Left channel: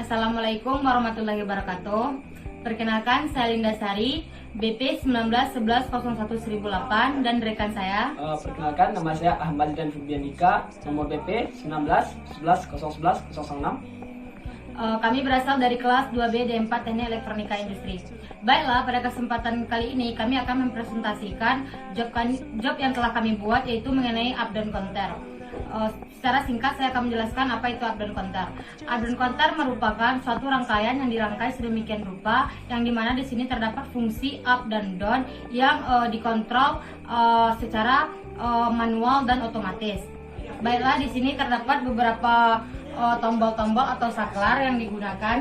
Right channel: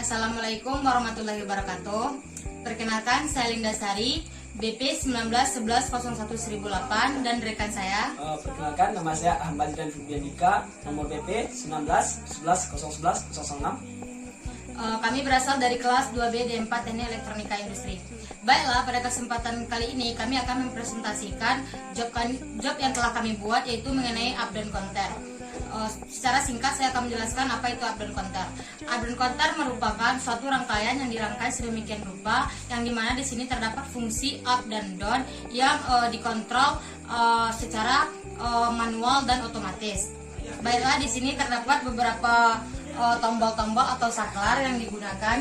Assalamualaikum warahmatullahi wabarakatuh. Perkenalkan, saya Linda Sari, BP 1911011008 dan rekan saya. Perkenalkan, nama saya Ahmad dan Fubianika, nomor BP 1911011006. Kami berasal dari kelas 2B D4 Teknik Elektronika Industri. Baiklah, pada kesempatan kali ini kami akan mempresentasikan job yang telah kami buat, yaitu mengenai up down counter. Secara singkat saya akan menjelaskan apa itu up down counter. Up down counter merupakan suatu rangkaian yang dirangkai sedemikian rupa, yang dimana di sini terdapat fungsi up dan down yang dikontrol secara manual dan otomatis. Baiklah, di sini terdapat beberapa tombol-tombol atau saklar yang digunakan.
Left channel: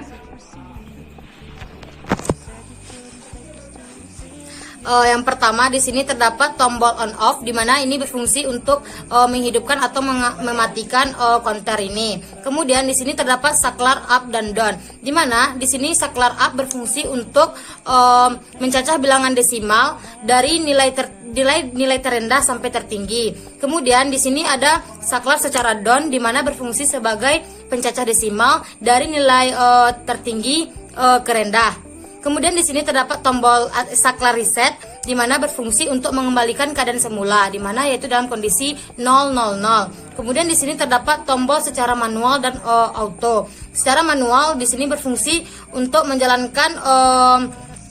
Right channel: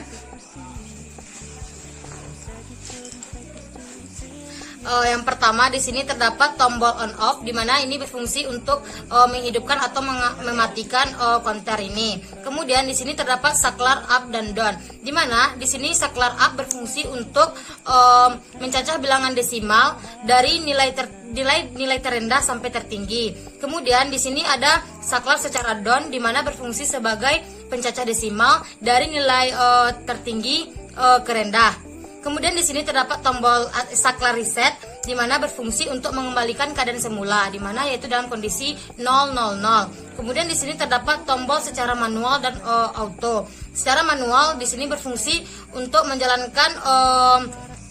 Yang pertama, di sini terdapat tombol on off, di mana ini berfungsi untuk menghidupkan atau mematikan counter ini. Kemudian di sini terdapat saklar up dan down, di mana di sini saklar up berfungsi untuk mencacah bilangan desimal dari nilai terendah sampai tertinggi. Kemudian di sini ada saklar secara down, di mana berfungsi sebagai pencacah desimal dari nilai tertinggi ke rendah. Kemudian di sini terdapat tombol saklar reset, di mana berfungsi untuk mengembalikan keadaan semula, di mana yaitu dalam kondisi 000. Kemudian di sini terdapat tombol secara manual dan auto. Secara manual di sini berfungsi untuk menjalankan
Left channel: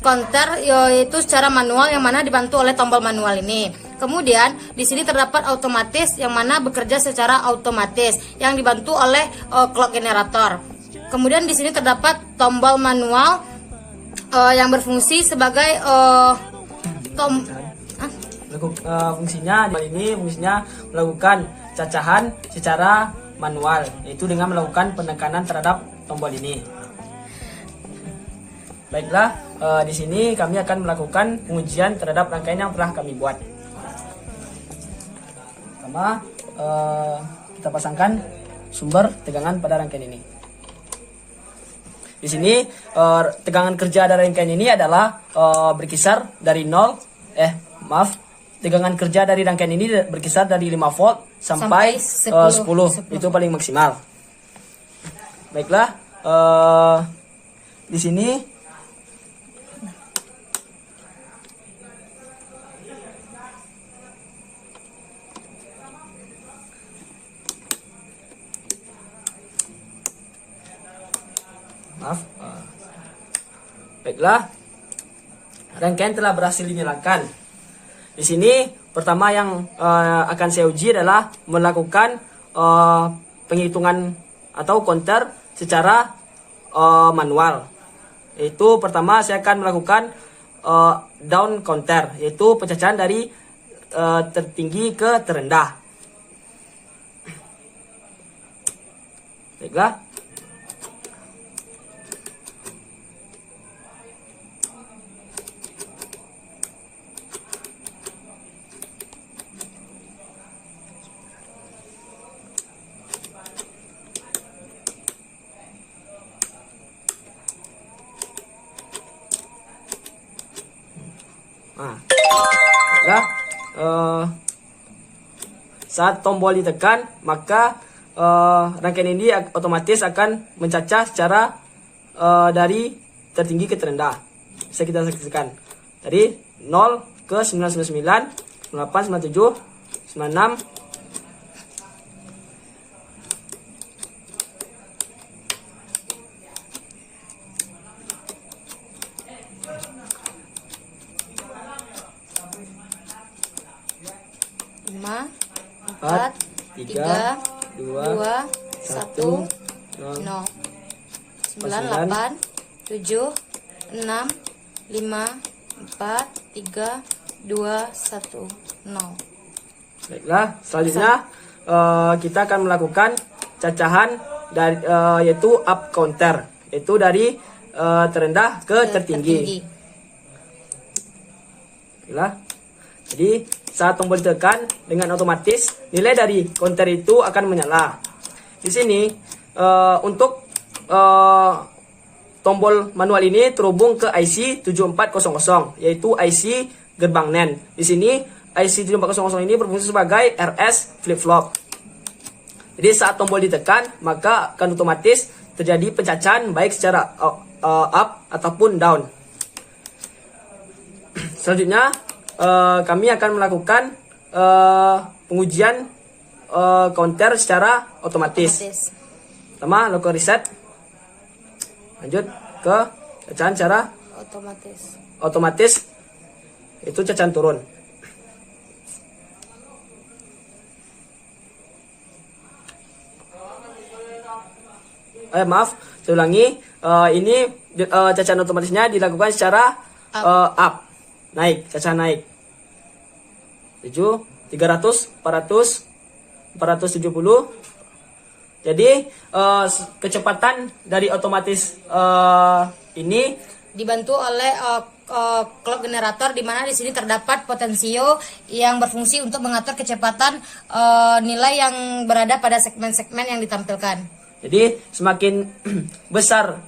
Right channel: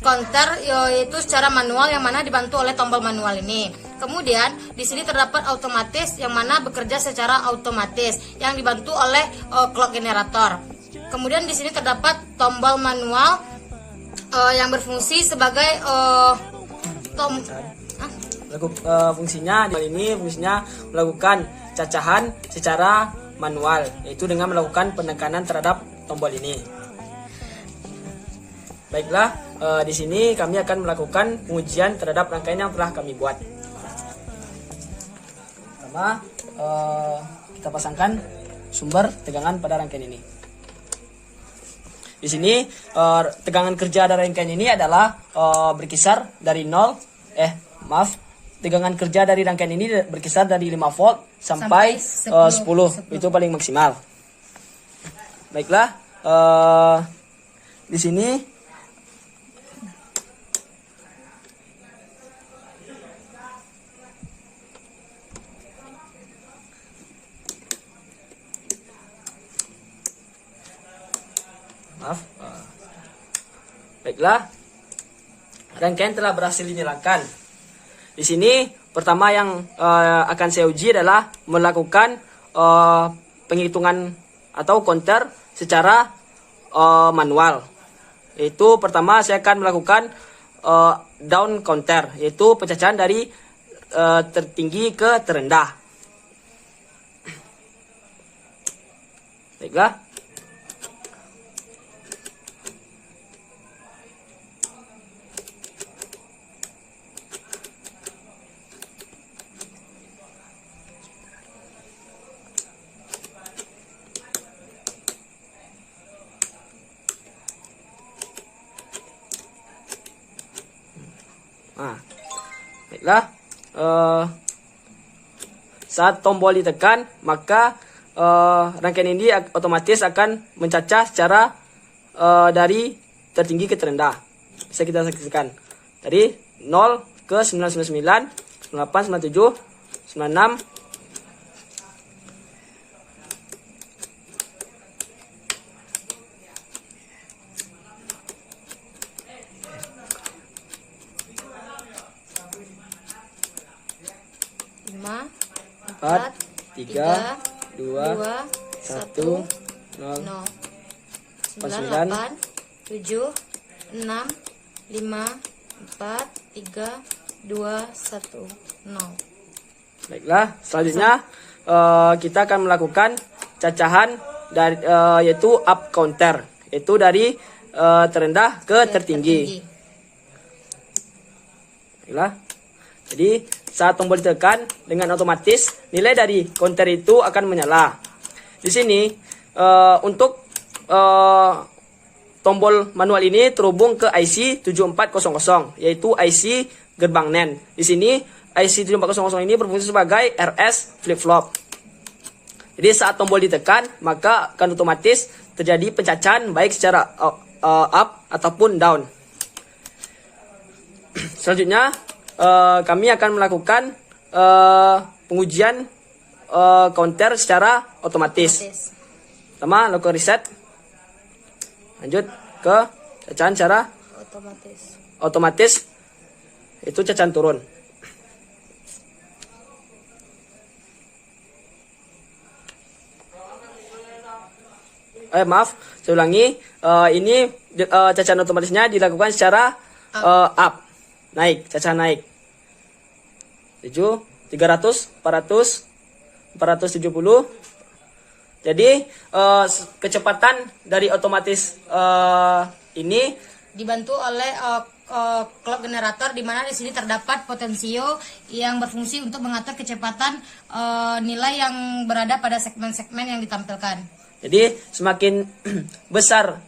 counter, yaitu secara manual, yang mana dibantu oleh tombol manual ini. Kemudian di sini terdapat otomatis, yang mana bekerja secara otomatis, yang dibantu oleh clock generator. Kemudian di sini terdapat tombol manual yang berfungsi sebagai fungsinya melakukan cacahan secara manual, yaitu dengan melakukan penekanan terhadap tombol ini. Baiklah, di sini kami akan melakukan pengujian terhadap rangkaian yang telah kami buat. Pertama, kita pasangkan sumber tegangan pada rangkaian ini. Di sini tegangan kerja dari rangkaian ini adalah berkisar dari tegangan kerja dari rangkaian ini berkisar dari 5 volt sampai 10. Itu paling maksimal. Baiklah, di sini baiklah, rangkaian telah berhasil dinyalakan. Di sini pertama yang akan saya uji adalah melakukan penghitungan atau counter secara manual. Yaitu pertama saya akan melakukan down counter, yaitu pencacahan dari tertinggi ke terendah. Baiklah. Saat tombol ditekan, maka rangkaian ini otomatis akan mencacah secara dari tertinggi ke terendah. Bisa kita saksikan dari 0 ke 999, 98, 97, 96, 5, 4, 3, 2, 1, 0, 98, 7, 6, 5, 4, 3, 2, 1, 0. Baiklah, selanjutnya kita akan melakukan cacahan dari yaitu up counter, yaitu dari terendah ke tertinggi. Baiklah. Jadi saat tombol ditekan, dengan otomatis nilai dari counter itu akan menyala. Di sini untuk tombol manual ini terhubung ke IC 7400, yaitu IC gerbang NAND. Di sini IC 7400 ini berfungsi sebagai RS flip flop. Jadi saat tombol ditekan, maka akan otomatis terjadi pencacahan baik secara up ataupun down. Selanjutnya kami akan melakukan pengujian counter secara otomatis. Pertama, lakukan reset. Lanjut ke cacahan secara otomatis. Itu cacahan turun. Maaf, saya ulangi. Ini cacahan otomatisnya dilakukan secara up. Naik, cacahan naik. 7, 300, 400, 470. Jadi kecepatan dari otomatis ini dibantu oleh clock generator, di mana di sini terdapat potensio yang berfungsi untuk mengatur kecepatan nilai yang berada pada segmen-segmen yang ditampilkan. Jadi semakin besar,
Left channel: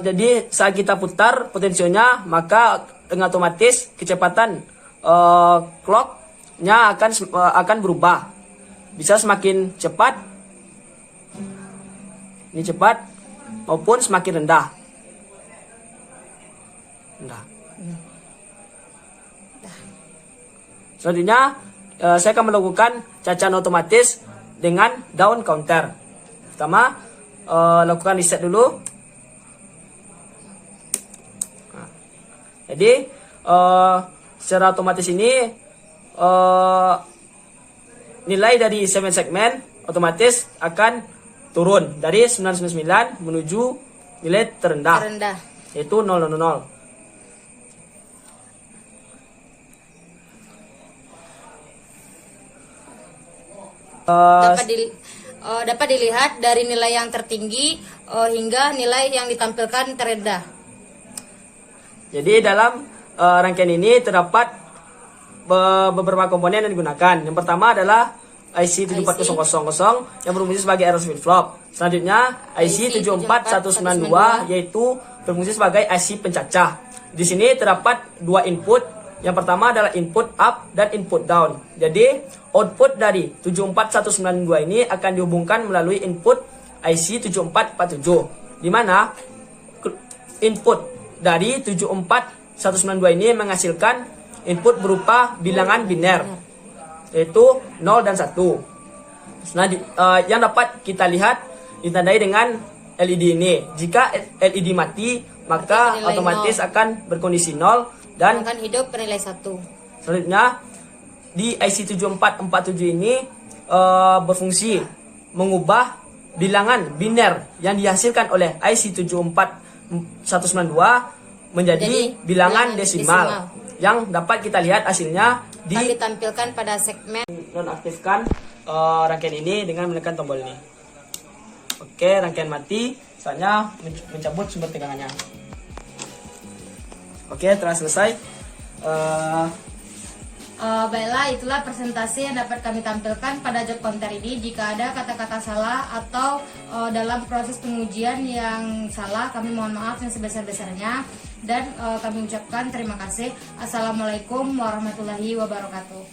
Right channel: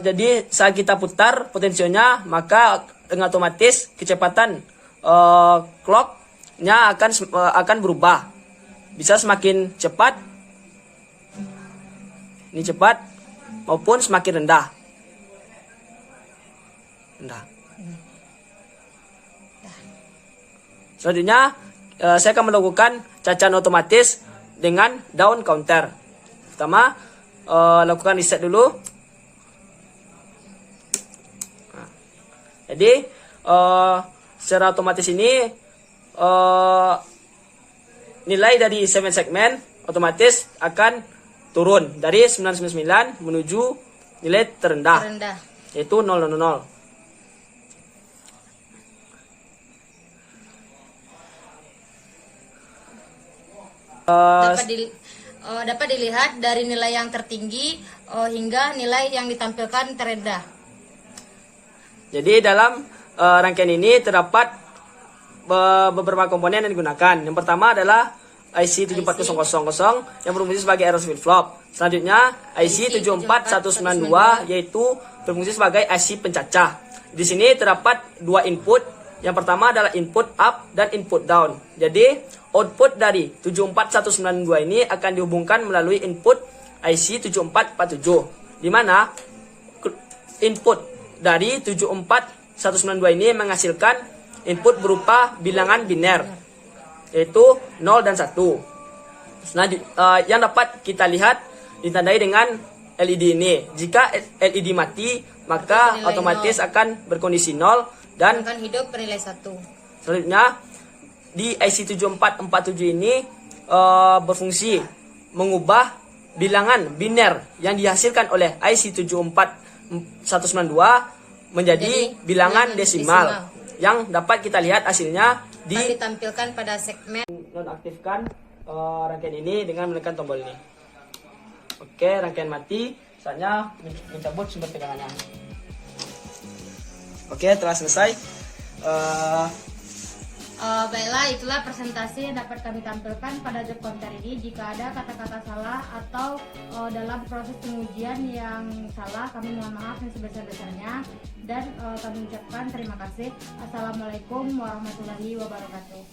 jadi saat kita putar potensionya, maka dengan otomatis kecepatan clocknya akan berubah. Bisa semakin cepat, ini cepat, maupun semakin rendah. Selanjutnya saya akan melakukan cacahan otomatis dengan down counter. Pertama, lakukan reset dulu. Jadi secara otomatis ini nilai dari segmen otomatis akan turun dari 999 menuju nilai terendah. Yaitu 000. Dapat dilihat dari nilai yang tertinggi hingga nilai yang ditampilkan terendah. Jadi dalam rangkaian ini terdapat beberapa komponen yang digunakan. Yang pertama adalah IC 74000 yang berfungsi sebagai error flip-flop. Selanjutnya IC 74192 yaitu berfungsi sebagai IC pencacah. Di sini terdapat dua input. Yang pertama adalah input up dan input down. Jadi output dari 74192 ini akan dihubungkan melalui input IC 7447, di mana input dari 74192 ini menghasilkan input berupa bilangan biner, yaitu 0 dan 1. Yang dapat kita lihat ditandai dengan LED ini. Jika LED mati, maka otomatis akan berkondisi 0 dan akan hidup bernilai 1. Selanjutnya di IC 7447 ini berfungsi mengubah bilangan biner yang dihasilkan oleh IC 74192 menjadi bilangan desimal yang dapat kita lihat hasilnya ditampilkan pada segmen. Nonaktifkan rangkaian ini dengan menekan tombol ini. Oke, rangkaian mati. Saatnya mencabut sumber tegangannya. Oke, telah selesai. Baiklah, itulah presentasi yang dapat kami tampilkan pada job counter ini. Jika ada kata-kata salah atau dalam proses pengujian yang salah, kami mohon maaf yang sebesar-besarnya. Dan kami ucapkan terima kasih. Assalamualaikum warahmatullahi wabarakatuh.